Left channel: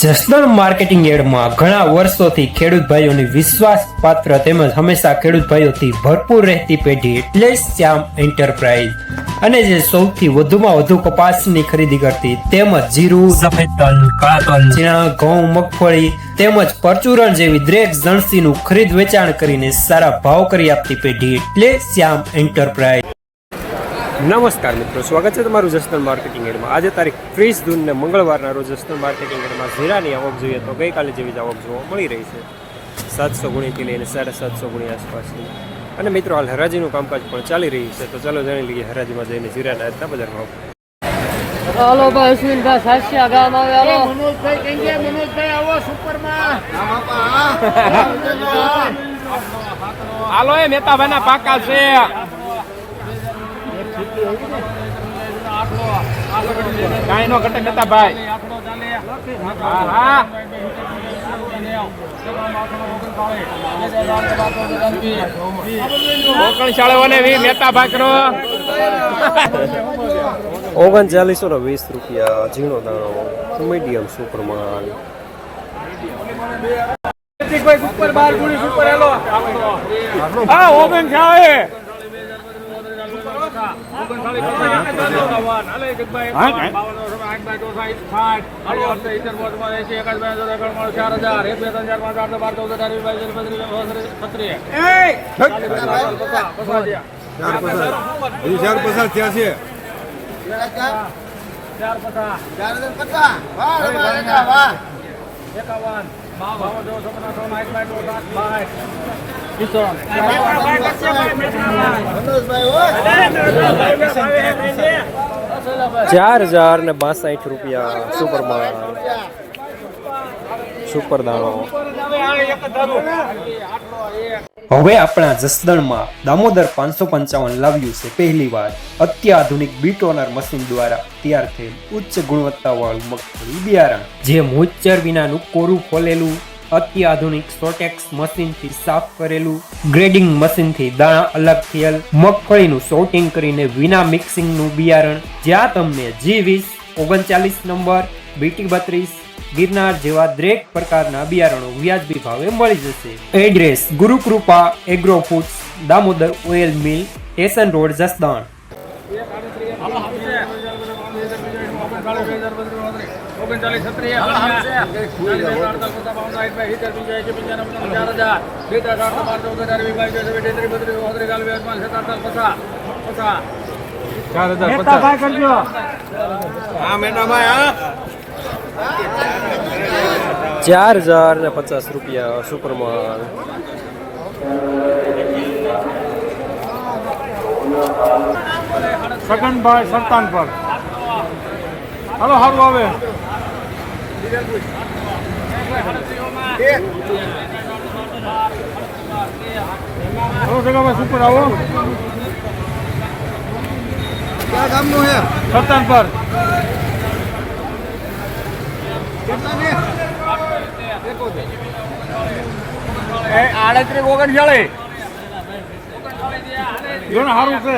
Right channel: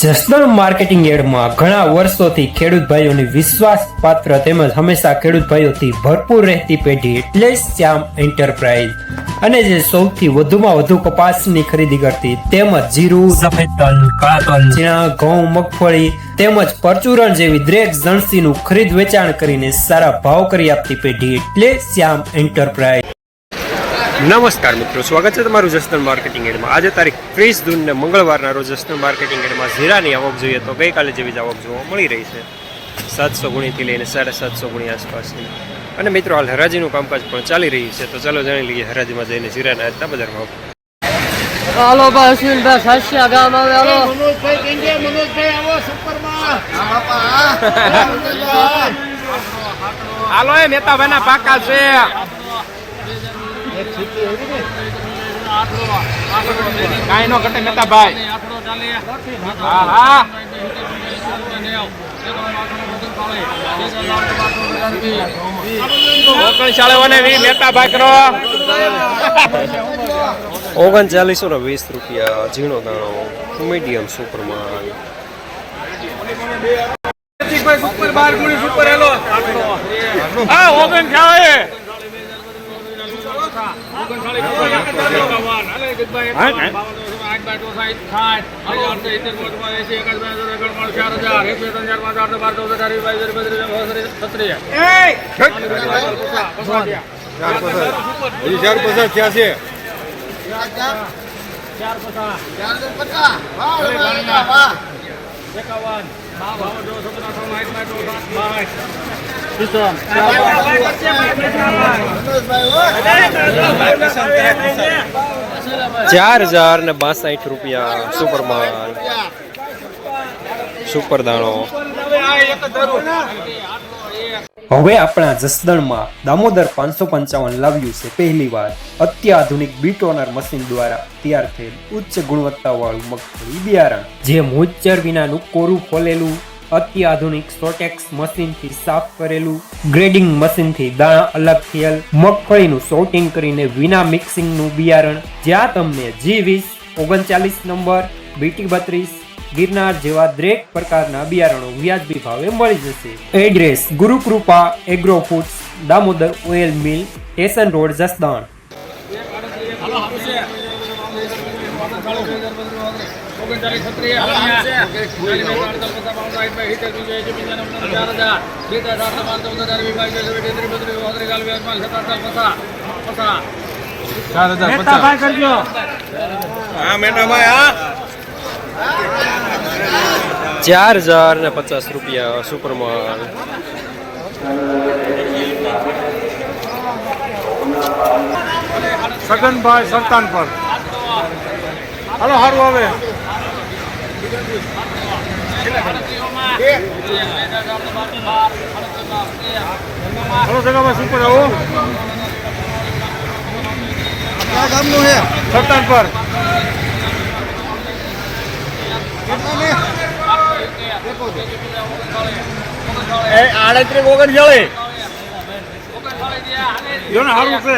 Jasdan marketing યાર્ડમાં ઘણા વર્ષોથી ખેડૂત ભાઈઓની વિશ્વાસપાત્ર તેમજ હંમેશા ખેડૂત ભાઈઓથી ભરપૂર રહેતી પેઢી એટલે શ્યામ એન્ટરપ્રાઇઝ, અને જે સૌથી વધુમાં વધુ કપાસની ખરીદી કરતી તેમજ જીરું, સફેદ તલ, કાળા તલ, ચણા, ઘઉં, મગફળી તેમજ પરચુરણ જેવી દરેક જણસીનું ખરીદ વેચાણ કરીને સારા ભાવ કરી આપતી પેઢી એટલે શ્યામ એન્ટરપ્રાઇઝ. નમસ્કાર મિત્રો, સ્વાગત છે તમારું જસદણ માર્કેટિંગ યાર્ડમાં. આજે તારીખ 30 જૂન ને મંગળવારના રોજ જસદણ માર્કેટિંગ યાર્ડમાં જીરાની આવક જોઈએ તો ગઈકાલે જેવી જ આવક જોવા મળી રહી છે, 700 ગુણીથી લઈને 750 ગુણી આસપાસની. અને મિત્રો હાલ હરાજીનું કામકાજ પણ ચાલી રહ્યું છે, તો ચાલો જાણી લઈએ હરાજીમાં જઈને જીરાના આજના બજાર ભાવ. હાલો ભાઈ સાસ્યા ગામ આવે. હાલો એ નેતાભાઈના પાકા છે. કાઈ નો ઘટે મહેતાભાઈ. હા હા ₹3920 ઝીણો દાણો મીડિયમ સુપરમાં. ₹4062 સુપરમાં સુપર દાણો. હવે આપણા જસદણમાં દામોદર 555 લાવ્યું છે પહેલી વાર અત્યાધુનિક બીટોનર મશીન દ્વારા તૈયાર થયેલ ઉચ્ચ ગુણવત્તાવાળું મગફળી બિયારણ, જે મોઇસ્ચર વિનાનું કોરું ફોલેલું અત્યાધુનિક સોટેક્સ મશીનથી સાફ કરેલું, ગ્રેડિંગ મશીનથી દાણા અલગ થયેલ મગફળીનું સોર્ટિંગ કરીને વિના મિક્સિંગનું બિયારણ, જ્યાં તમને G20, 39 નંબર, BT32, ગિરનાર જેવા દરેક પ્રકારના બિયારણો વ્યાજબી ભાવે મળી જશે. Address: Gurukrupa agro foods, Damodar oil mill, station road, Jasdan. ₹4050 સુપરમાં. સગનભાઈ સરતાન પર હાલો હારું આવે. હાલો સગાભાઈ શું કરાવો સરતાન પર. ₹38 ઓગણચાળીસ સારું છે.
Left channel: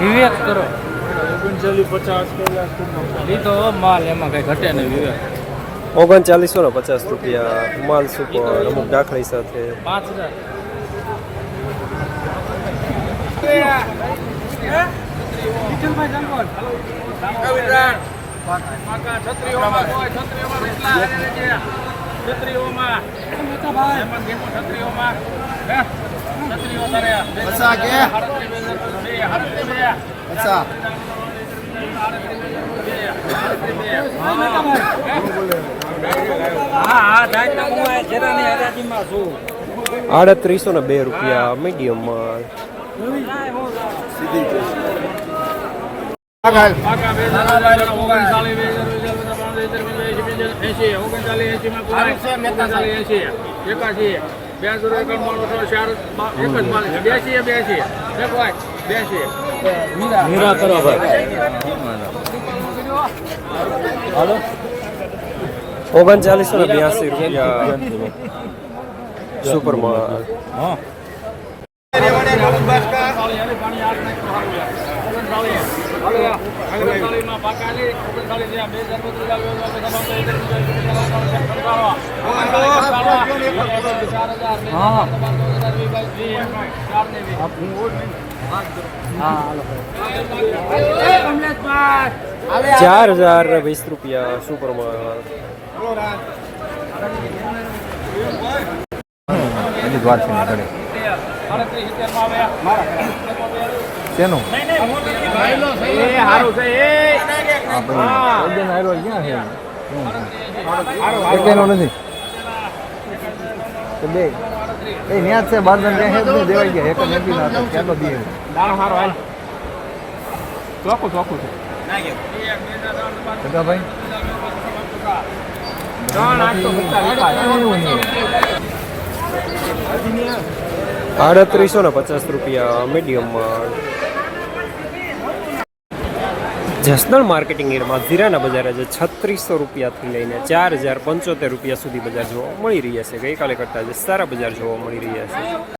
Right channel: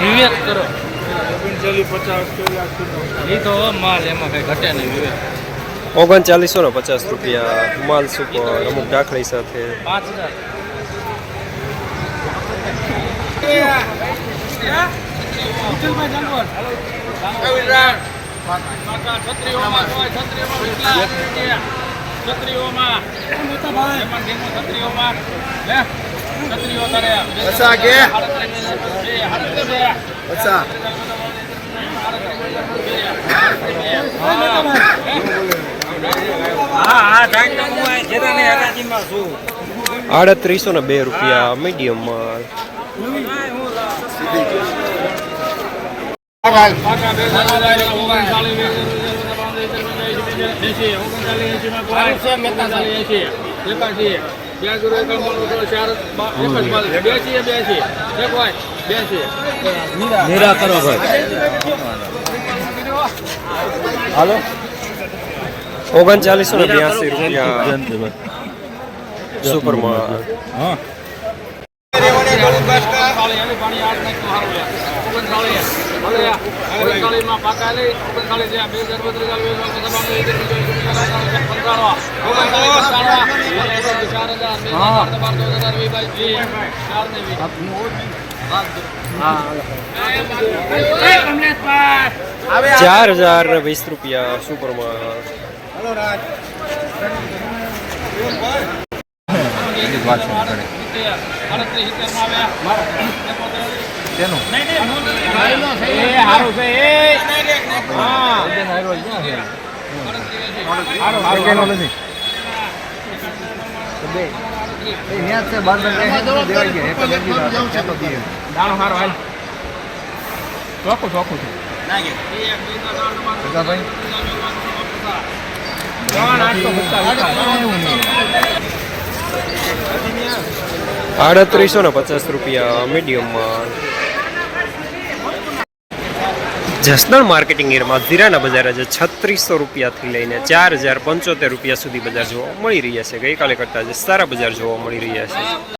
વિવેક કરો 3950 તો માલ એમાં કઈ ઘટે નહીં. વિવેક ₹3950 માલ સુપર અમુક દાખલી સાથે. ₹3802 મીડિયમ માલ. ₹3982 સુપરમાં. ₹4,020 સુપરમાં. ₹3,850 મીડિયમમાં. જસદણ માર્કેટિંગ એરિયામાં જીરાના બજાર આજે ₹3,600 થી લઈને ₹4,075 સુધી બજાર જોવા મળી રહ્યા છે. ગઈકાલે કરતાં આજે સારા બજાર જોવા મળી રહ્યા છે.